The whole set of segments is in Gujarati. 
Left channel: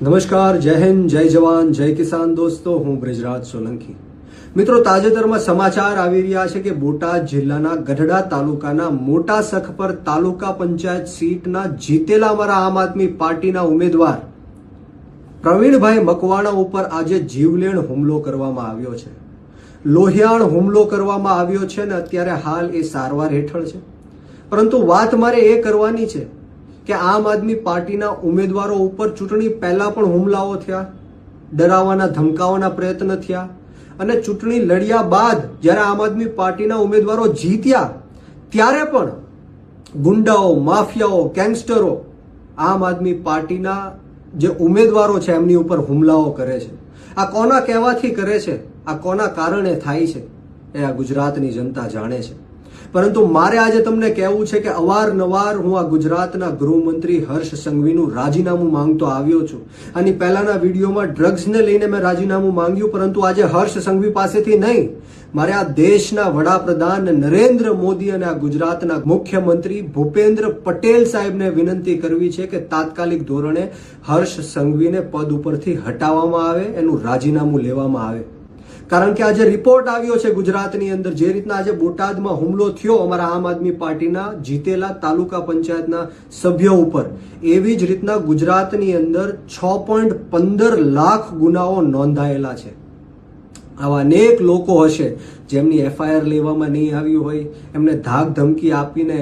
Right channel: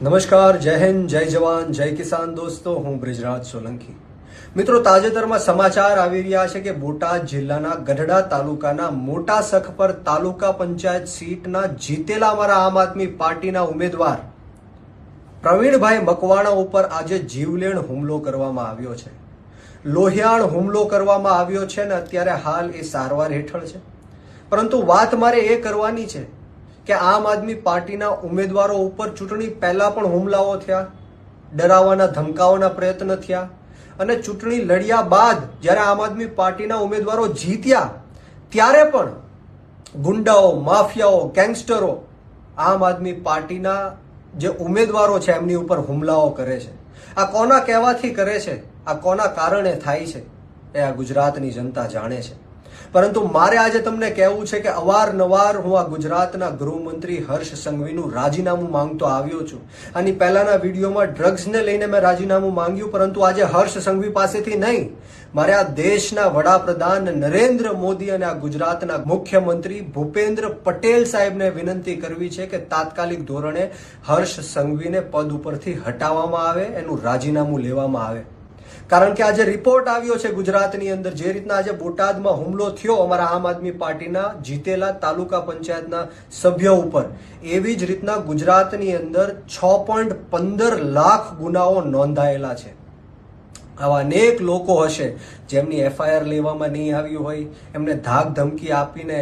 નમસ્કાર, જય હિન્દ, જય જવાન, જય કિસાન દોસ્તો. હું બ્રિજરાજ સોલંકી. મિત્રો, તાજેતરમાં સમાચાર આવી રહ્યા છે કે બોટાદ જિલ્લાના ગઢડા તાલુકાના મોટા સખપર તાલુકા પંચાયત સીટના જીતેલા અમારા આમ આદમી પાર્ટીના ઉમેદવાર પ્રવીણભાઈ મકવાણા ઉપર આજે જીવલેણ હુમલો કરવામાં આવ્યો છે. લોહિયાણ હુમલો કરવામાં આવ્યો છે અને અત્યારે હાલ એ સારવાર હેઠળ છે. પરંતુ વાત મારે એ કરવાની છે કે આમ આદમી પાર્ટીના ઉમેદવારો ઉપર ચૂંટણી પહેલા પણ હુમલાઓ થયા, ડરાવવાના ધમકાવવાના પ્રયત્ન થયા અને ચૂંટણી લડ્યા બાદ જ્યારે આમ આદમી પાર્ટીના ઉમેદવારો જીત્યા ત્યારે પણ ગુંડાઓ, માફિયાઓ, ગેંગસ્ટરો આમ આદમી પાર્ટીના જે ઉમેદવારો છે એમની ઉપર હુમલાઓ કરે છે. આ કોના કહેવાથી કરે છે, આ કોના કારણે થાય છે એ આ ગુજરાતની જનતા જાણે છે. પરંતુ મારે આજે તમને કહેવું છે કે અવારનવાર હું આ ગુજરાતના ગૃહમંત્રી હર્ષ સંઘવીનું રાજીનામું માંગતો આવ્યો છું. આની પહેલાના વિડીયોમાં ડ્રગ્સને લઈને મેં રાજીનામું માંગ્યું, પરંતુ આજે હર્ષ સંઘવી પાસેથી નહીં, મારે આ દેશના વડાપ્રધાન નરેન્દ્ર મોદી અને આ ગુજરાતના મુખ્યમંત્રી ભૂપેન્દ્ર પટેલ સાહેબને વિનંતી કરવી છે કે તાત્કાલિક ધોરણે હર્ષ સંઘવીને પદ ઉપરથી હટાવવામાં આવે, એનું રાજીનામું લેવામાં આવે. કારણ કે આજે રિપોર્ટ આવ્યો છે ગુજરાતની અંદર, જે રીતના આજે બોટાદમાં હુમલો થયો અમારા આમ આદમી પાર્ટીના જીતેલા તાલુકા પંચાયતના સભ્ય ઉપર, એવી જ રીતના ગુજરાતની અંદર 6.15 લાખ ગુનાઓ નોંધાયેલા છે. આવા અનેક લોકો હશે જેમની એફઆઈઆર લેવામાં નહીં આવી હોય, એમને ધાક ધમકી આપીને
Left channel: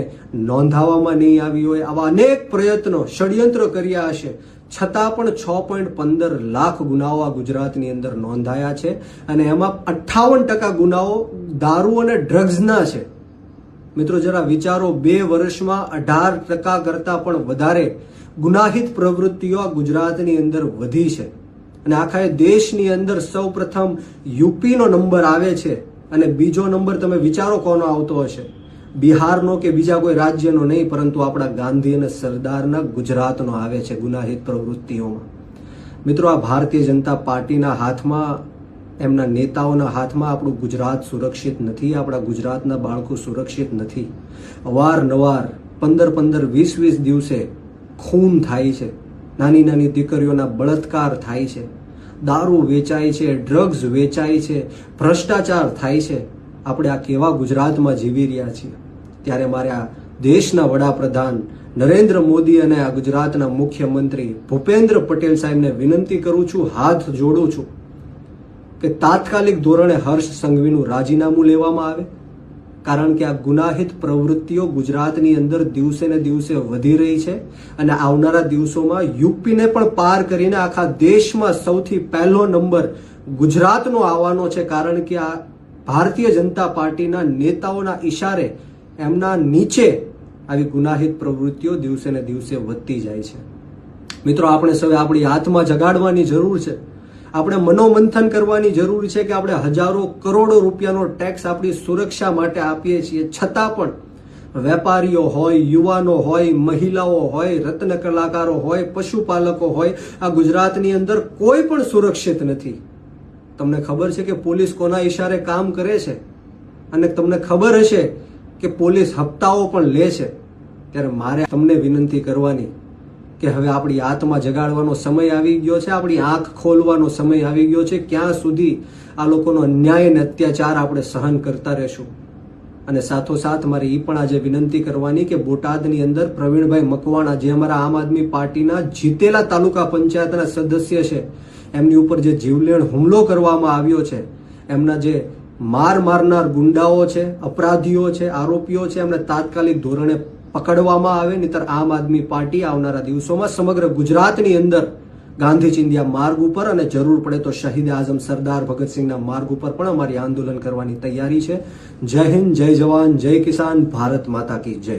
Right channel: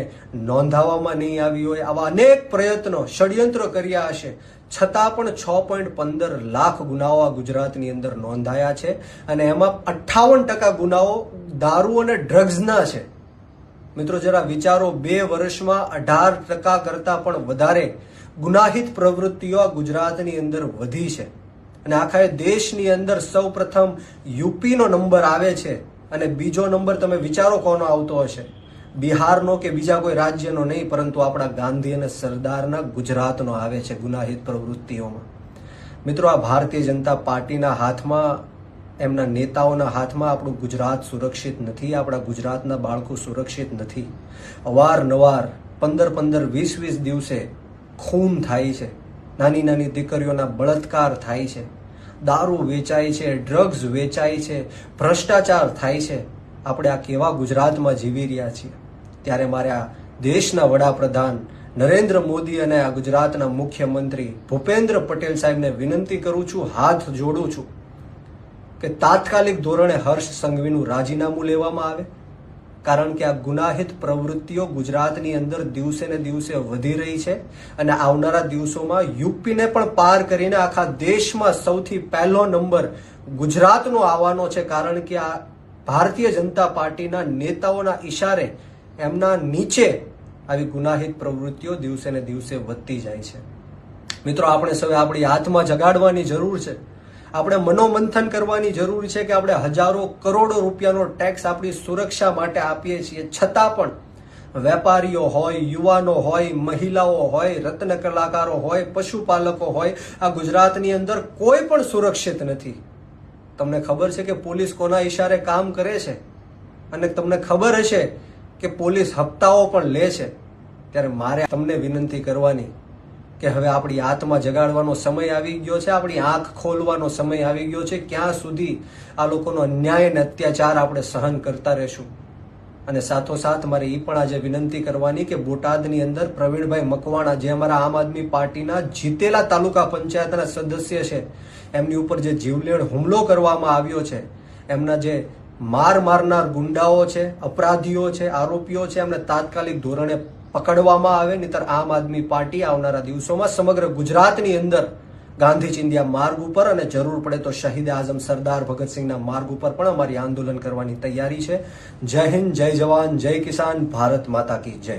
નોંધાવવામાં નહીં આવી હોય, આવા અનેક પ્રયત્નો, ષડયંત્ર કર્યા હશે, છતાં પણ 6.15 લાખ ગુનાઓ આ ગુજરાતની અંદર નોંધાયા છે અને એમાં 58% ગુનાઓ દારૂ અને ડ્રગ્સના છે. મિત્રો, જરા વિચારો, 2 વર્ષમાં 18% કરતા પણ વધારે ગુનાહિત પ્રવૃત્તિઓ આ ગુજરાતની અંદર વધી છે. અને આખા દેશની અંદર સૌ પ્રથમ યુપીનો નંબર આવે છે અને બીજો નંબર તમે વિચારો કોનો આવતો હશે? બિહારનો કે બીજા કોઈ રાજ્યનો નહીં, પરંતુ આપણા ગાંધી અને સરદારના ગુજરાતનો આવે છે ગુનાહિત પ્રવૃત્તિઓમાં. મિત્રો, આ ભારતીય જનતા પાર્ટીના હાથમાં, એમના નેતાઓના હાથમાં આપણું ગુજરાત સુરક્ષિત નથી, આપણા ગુજરાતના બાળકો સુરક્ષિત નથી. અવારનવાર 15-15, 20-20 દિવસે ખૂન થાય છે, નાની નાની દીકરીઓના બળાત્કાર થાય છે, દારૂ વેચાય છે, ડ્રગ્સ વેચાય છે, ભ્રષ્ટાચાર થાય છે. આપણે આ કેવા ગુજરાતમાં જીવી રહ્યા છીએ? ત્યારે મારે આ દેશના વડાપ્રધાન નરેન્દ્ર મોદી અને આ ગુજરાતના મુખ્યમંત્રી ભૂપેન્દ્ર પટેલ સાહેબને વિનંતી કરું છું, હાથ જોડું છું કે તાત્કાલિક ધોરણે હર્ષ સંઘવીનું રાજીનામું લેવામાં આવે. કારણ કે આ ગુનાહિત પ્રવૃત્તિઓ ગુજરાતની અંદર દિવસે ને દિવસે વધી રહી છે અને આવનારા દિવસોમાં યુપીને પણ પાર કરીને આખા દેશમાં સૌથી પહેલો નંબર ગુજરાતનો આવવાનો છે. કારણ કે આ ભારતીય જનતા પાર્ટીના નેતાઓના ઈશારે એમના નીચે આવી ગુનાહિત પ્રવૃત્તિઓ દિવસે ને દિવસે વધતી જાય છે. મિત્રો, આપણે સૌએ આપણી આત્મા જગાડવાની જરૂર છે. આપણે મનોમંથન કરવાની જરૂર છે કે આપણે હજારો કરોડો રૂપિયાનો ટેક્સ આપણી સુરક્ષા માટે આપીએ છીએ, છતાં પણ વેપારીઓ હોય, યુવાનો હોય, મહિલાઓ હોય, રત્ન કલાકારો હોય, પશુપાલકો હોય, આ ગુજરાતની અંદર કોઈ પણ સુરક્ષિત નથી. તમને ખબર છે કે પોલીસ કોના ઈશારે કામ કરે છે અને તમને ખબર હશે કે પોલીસ હપ્તાઓ પણ લે છે. ત્યારે મારે તમને વિનંતી કરવાની કે હવે આપણી આત્મા જગાડવાનો સમય આવી ગયો છે, આપણી આંખ ખોલવાનો સમય આવી ગયો છે. ક્યાં સુધી આ લોકોનો અન્યાય અને અત્યાચાર આપણે સહન કરતા રહેશું? અને સાથોસાથ મારે એ પણ આજે વિનંતી કરવાની કે બોટાદની અંદર પ્રવીણભાઈ મકવાણા, જે અમારા આમ આદમી પાર્ટીના જીતેલા તાલુકા પંચાયતના સદસ્ય છે, એમની ઉપર જે જીવલેણ હુમલો કરવામાં આવ્યો છે, એમના જે મારનાર ગુંડાઓ છે, અપરાધીઓ છે, આરોપીઓ છે, એમને તાત્કાલિક ધોરણે પકડવામાં આવે. નહીતર આમ આદમી પાર્ટી આવનારા દિવસોમાં સમગ્ર ગુજરાતની અંદર ગાંધી ચિંધ્યા માર્ગ ઉપર અને જરૂર પડે તો શહીદ આઝમ સરદાર ભગતસિંહના માર્ગ ઉપર પણ અમારી આંદોલન કરવાની તૈયારી છે. જય હિન્દ, જય જવાન, જય કિસાન, ભારત માતા કી જય.